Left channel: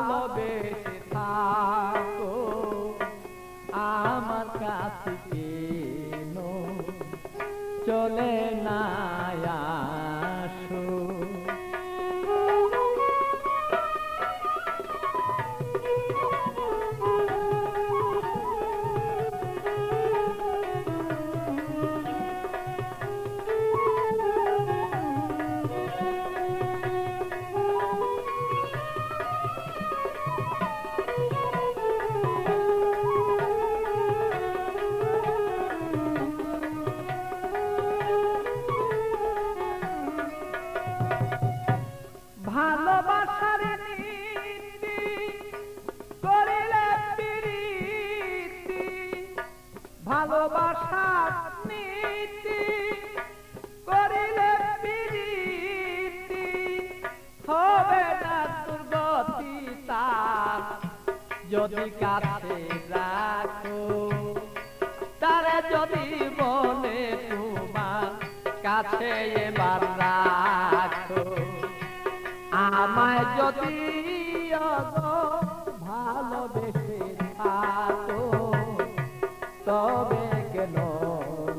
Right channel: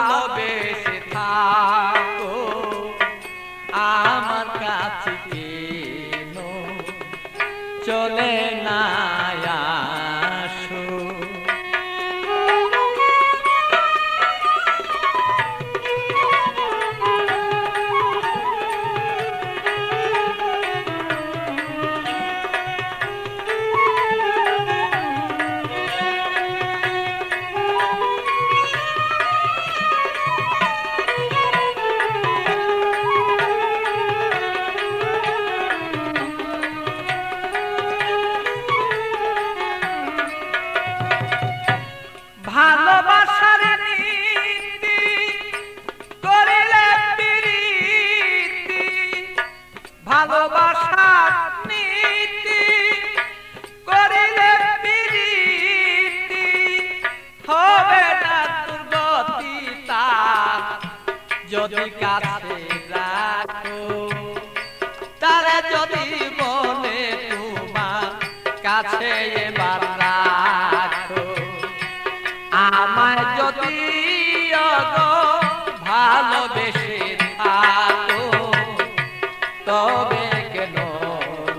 ভালোবেসে থাকো আমার কাছে কেন চলে না আসো। ভালোবাসার নীতি করিলে প্রীতি, ভালোবাসার নীতি করিলে প্রীতি হবে না দুর্গতি তার যদি কাছে রাখো, তারা যদি বলে তোমার কাছে এবার রাখো। আমায় যদি ভালোবেসে থাকো তবে কেন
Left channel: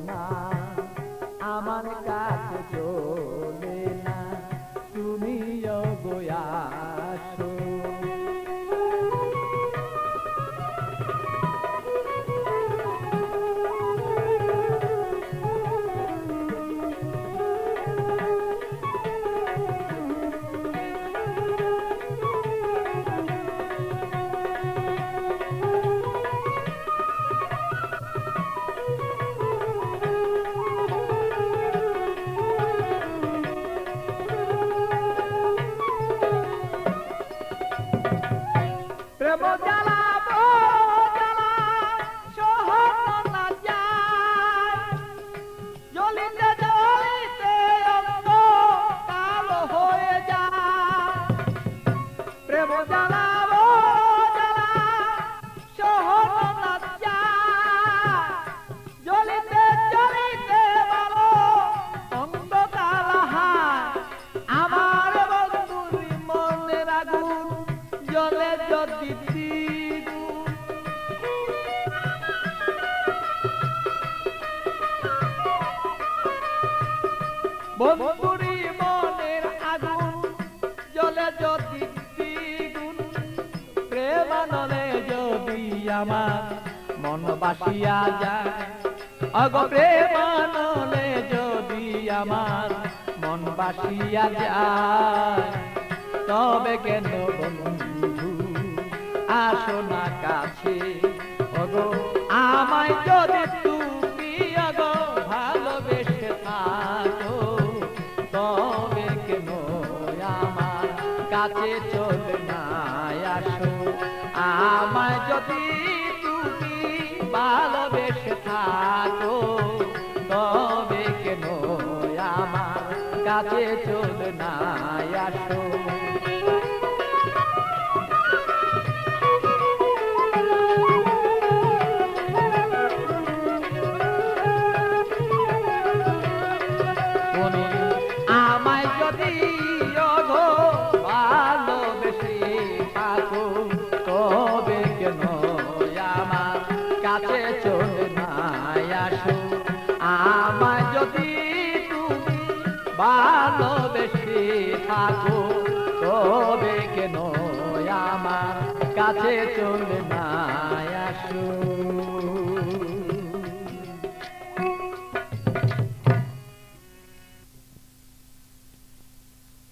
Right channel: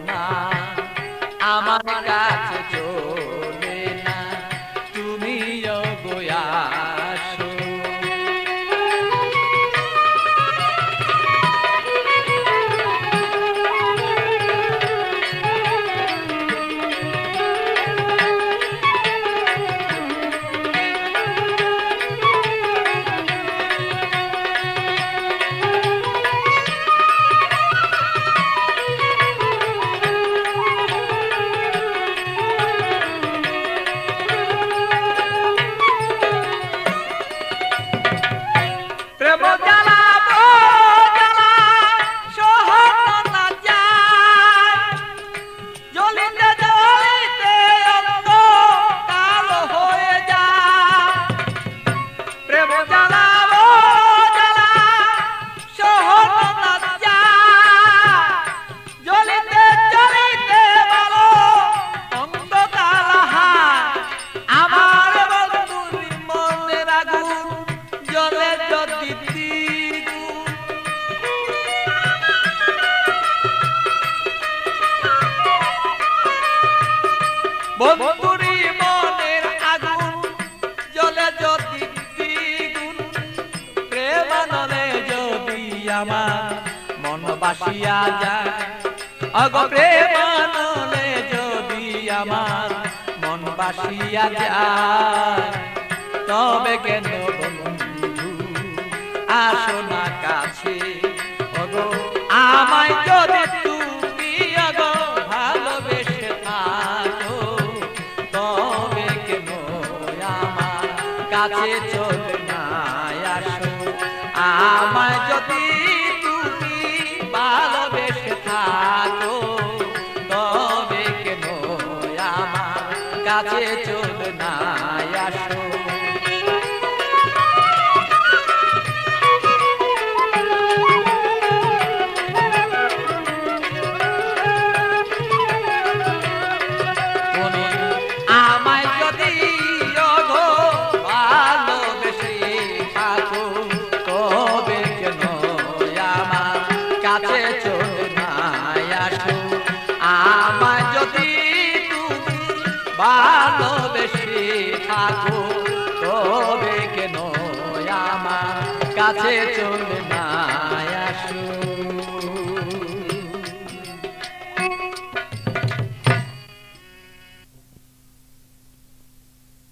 না আমার কাছে চলে না তুমি আসো। প্রেম জ্বালা জ্বালা সহন না যায়, জ্বলিতে জ্বলিতে অঙ্গ কালো হয়ে যায়। প্রেম জ্বালা জ্বালা সহন না যায়, জ্বলিতে জ্বলিতে বলো অঙ্গ কালো হয়। আমার বন্ধুর মনের আগুন জ্বলে যদি বন্ধুরি মনের আগুন জ্বলে যদি দ্বিগুণ, প্রেম নলে যদি আমার মন বাসিয়া যায়। অগ প্রেম নলে যদি আমার মন বাসিয়া যায় তবে কেন বন্ধু আসো না কাছে। ওগো আমায় যদি তুমি ওগো ভালোবেসে থাকো তবে কেন আমার কাছে চলে না আসো। আমায় যদি তুমি ভালোবেসে থাকো তবে কেন আমার কাছে চলে না আসো। আমায় যদি ভালোবেসে থাকো তবে কেন আমার কাছে চলে না আসো। আমায় যদি তুমি ভালোবেসে থাকো তবে কেন আমার কাছে চলে না আসো।